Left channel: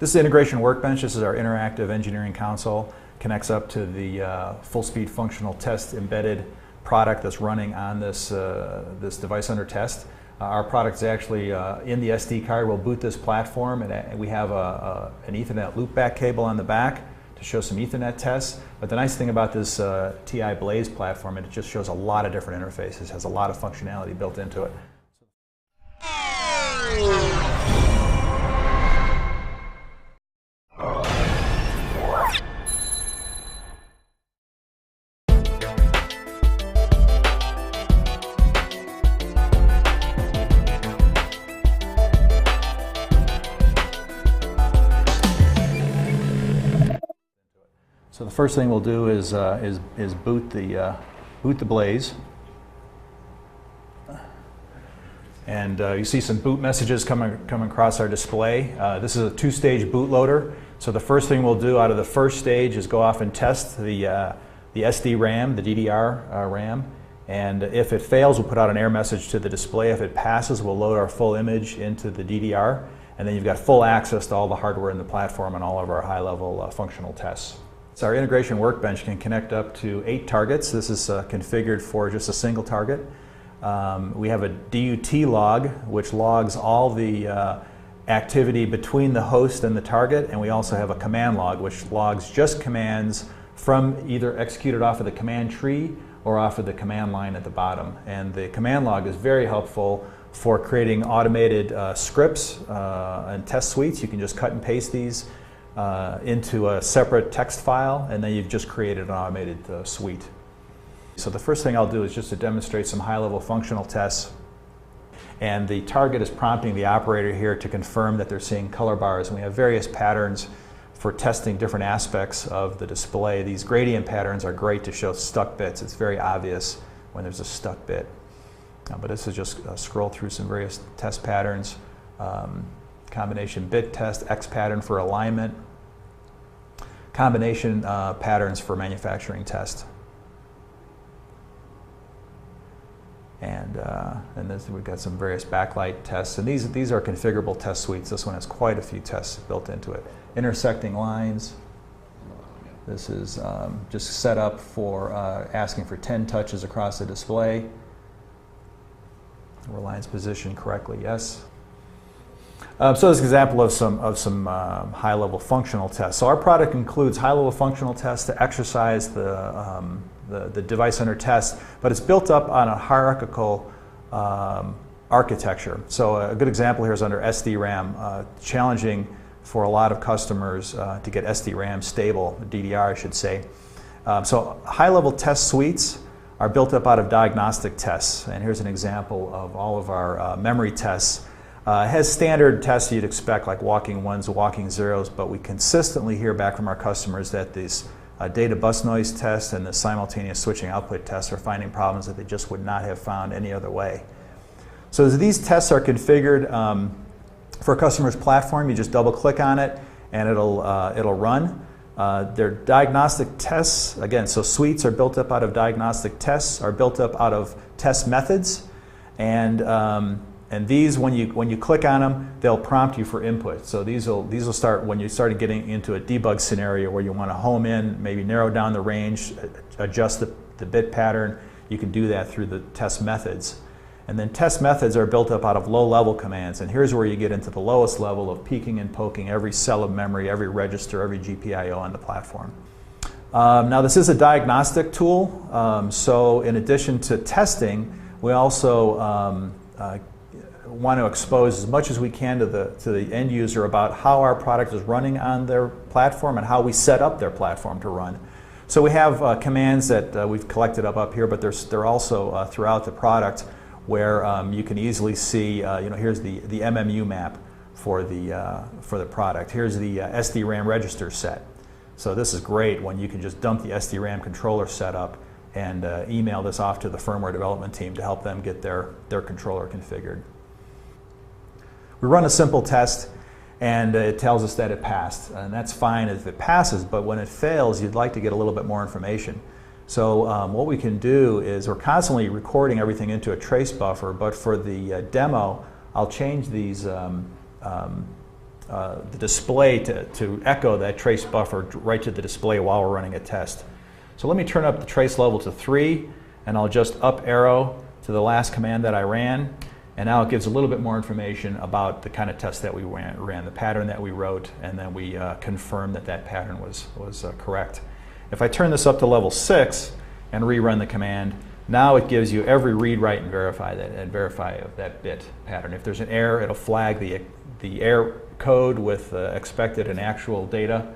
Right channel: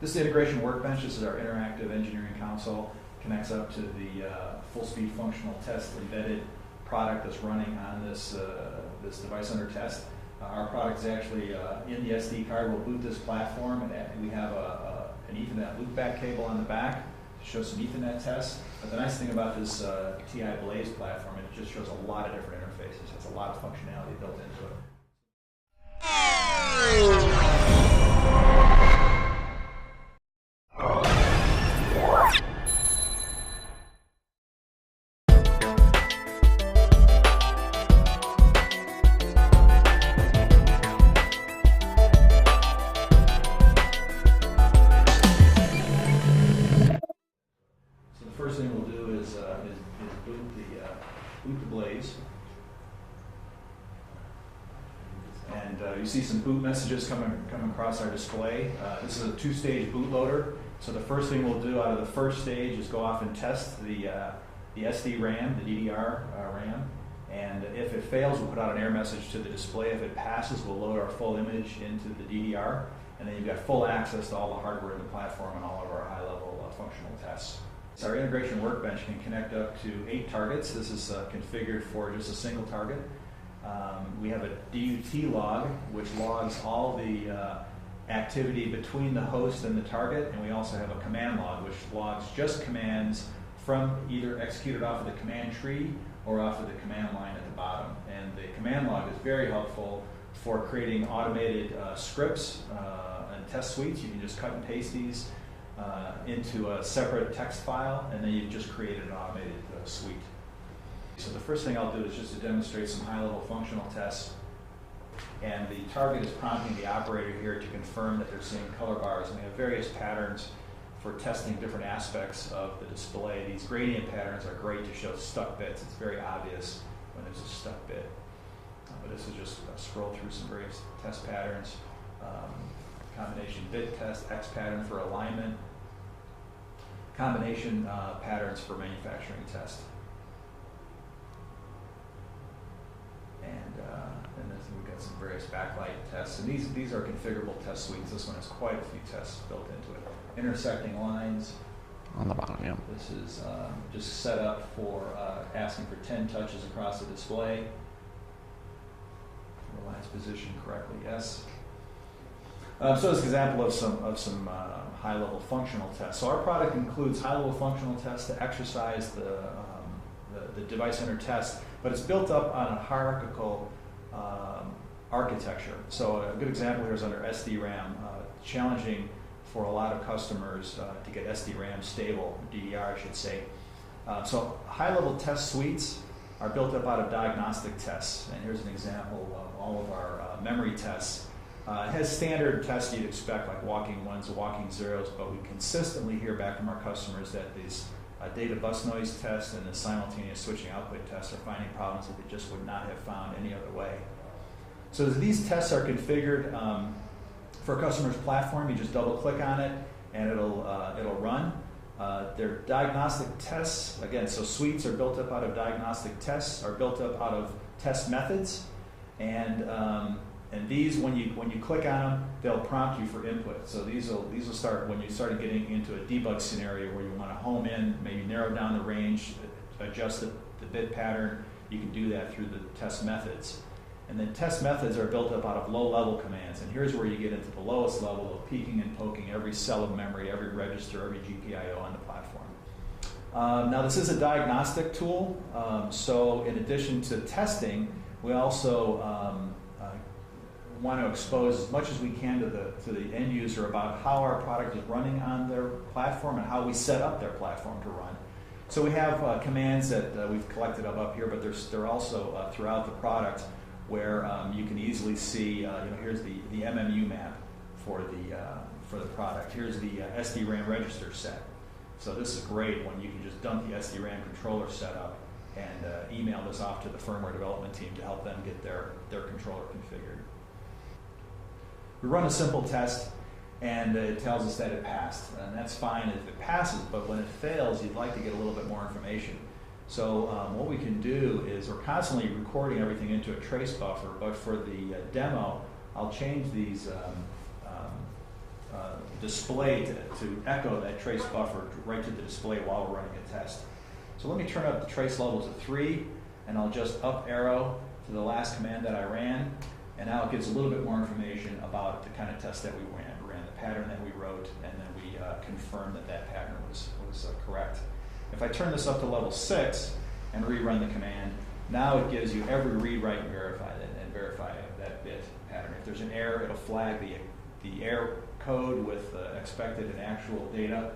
This is Integration Workbench. This is our interactive engineering console. Connects up to the full-speed functional test embedded product that's running on this, this device under test. Our product is actually in the SD card. We'll boot this platform, and we have an Ethernet loopback cable on the back to show some Ethernet tests. But the nice thing about this TI Blaze platform, it just shows a lot of different interfaces, has a lot of functionality built into it. So the first thing we'll do is boot the Blaze, and you see some boot messages coming across our display. This is a two-stage bootloader. So the first thing we'll do out of the first stage is go off and test the SD RAM, the DDR RAM, and if it fails, we'll put out an error message to the display. If it passes, we'll load our full image into the DDR, and then you've got full access to all the hardware in the platform and all of our high-level functional tests. So our Integration Workbench can connect up to 8 targets. This is configured for just a single target. We have a DUT log, which logs all the activity between the host and the target, and we also have a command log, which logs just commands from either executed off of the command tree or off of the command line at the bottom. And the command log is very helpful for creating automated scripts and test suites. You can just cut and paste these into a separate text file, and then you've just created an automated suite. So the first thing I'll do is just to demonstrate some high-level functional tests. And the target is prompting the operator here to confirm that they're seeing color bars. And we have various patterns for testing different aspects of the display. These gradient patterns are great to show stuck bits. It's very obvious when there's a stuck bit. But this is just scroll through some various test patterns. Combination bit test, X pattern for alignment, combination patterns for manufacturing test. And this, we've got some various backlight tests, and these are configurable test suites. This one has quite a few tests built into it. Intersecting lines. On the bottom, yeah. This is just set up for asking for 10 touches across the display. Were lines positioned correctly? Yes. So this is an example of some high-level functional tests. So our product includes high-level functional tests to exercise the device under test, but it's built up on a hierarchical architecture. So a good example here is under SD-RAM, challenging for a lot of customers to get SD-RAM stable, DDR I should say. So high-level test suites are built up out of diagnostic tests, and here's an example of all of our memory tests. It has standard tests you'd expect, like walking ones, walking zeros, but we consistently hear back from our customers that these data bus noise tests and the simultaneous switching output tests are finding problems that they just would not have found any other way. So as these tests are configured for a customer's platform, you just double click on it and it'll run. They're diagnostic tests, again, so suites are built up out of diagnostic tests, are built up out of test methods, and these, when you click on them, they'll prompt you for input. So these will start when you start getting into a debug scenario where you want to home in, maybe narrow down the range, adjust the bit pattern. You can do that through the test methods. And then test methods are built up out of low-level commands. And here's where you get into the lowest level of peeking and poking every cell of memory, every register, every GPIO on the platform. Now this is a diagnostic tool. So in addition to testing, we also want to expose as much as we can to the end user about how our product is running on their platform and how we set up their platform to run. So we have commands that we've collected up here, but they're also throughout the product where you can easily see, here's the MMU map for the product. Here's the SD-RAM register set. So this is great when you can just dump the SD-RAM controller setup and email this off to the firmware development team to help them get their controller configured. We run a simple test, and it tells us that it passed. And that's fine if it passes, but when it fails, you'd like to get a little bit more information. So what we can do is we're constantly recording everything into a trace buffer, but for the demo, I'll change these the display to echo that trace buffer right to the display while we're running a test. So let me turn up the trace level to 3, and I'll just up arrow to the last command that I ran, and now it gives a little bit more information about the kind of test that we ran, the pattern that we wrote, and then we confirmed that that pattern was correct. If I turn this up to level 6 and rerun the command, now it gives you every read, write, and verify of that bit pattern. If there's an error, it'll flag the error code with expected and actual data.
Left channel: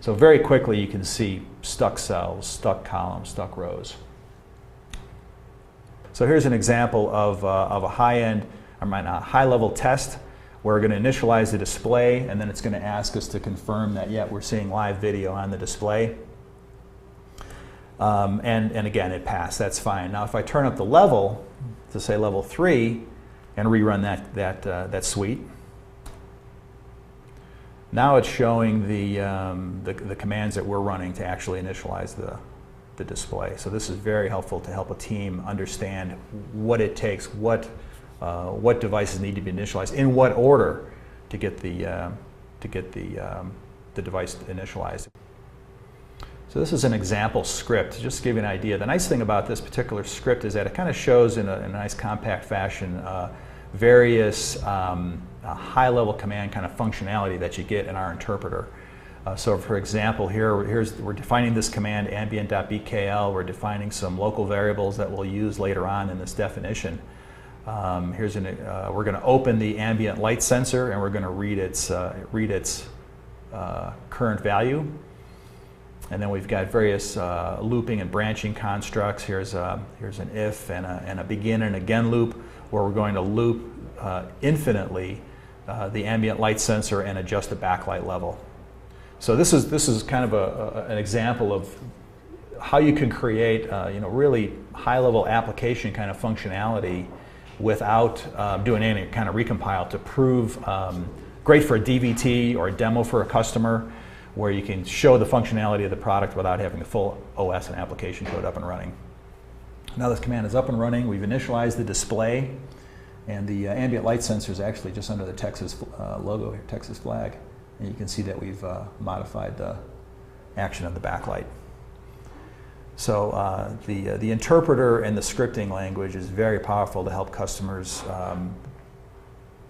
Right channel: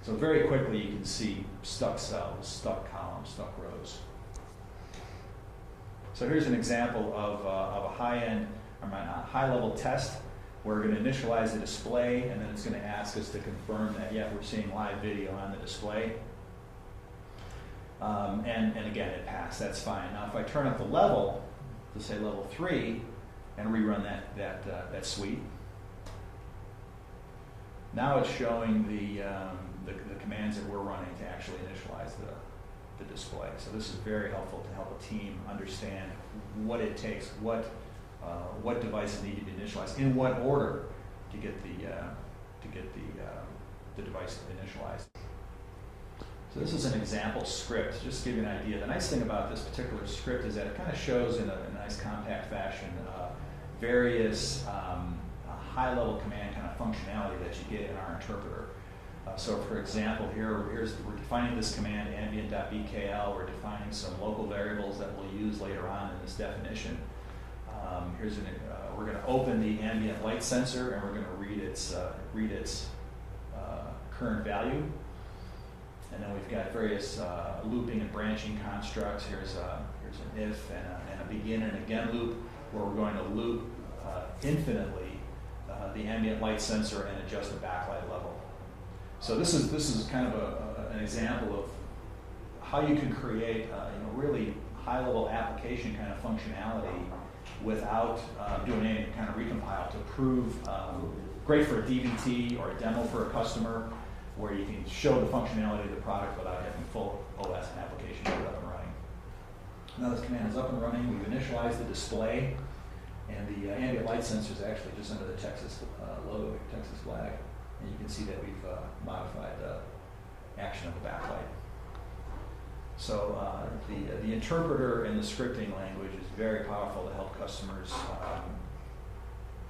So very quickly you can see stuck cells, stuck columns, stuck rows. So here's an example of a high-level test where we're going to initialize the display, and then it's going to ask us to confirm that, yeah, we're seeing live video on the display. And again, it passed. That's fine. Now, if I turn up the level to say level 3 and rerun that suite, now it's showing the commands that we're running to actually initialize the display. So this is very helpful to help a team understand what it takes, what devices need to be initialized, in what order to get the device initialized. So this is an example script, just to give you an idea. The nice thing about this particular script is that it kind of shows in a nice compact fashion various high-level command kind of functionality that you get in our interpreter. So for example, we're defining this command ambient.bkl. We're defining some local variables that we'll use later on in this definition. We're going to open the ambient light sensor, and we're going to read its current value. And then we've got various looping and branching constructs. Here's an if and a begin and again loop, where we're going to loop infinitely the ambient light sensor and adjust the backlight level. So this is kind of an example of how you can create really high-level application kind of functionality without doing any kind of recompile to prove great for a DVT or a demo for a customer, where you can show the functionality of the product without having the full OS and application code up and running. Now this command is up and running. We've initialized the display, and the ambient light sensor is actually just under the Texas logo here, Texas flag. And you can see that we've modified the action of the backlight. So the interpreter and the scripting language is very powerful to help customers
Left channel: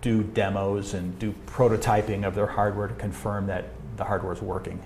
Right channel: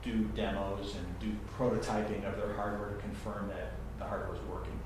do demos and do prototyping of their hardware to confirm that the hardware is working.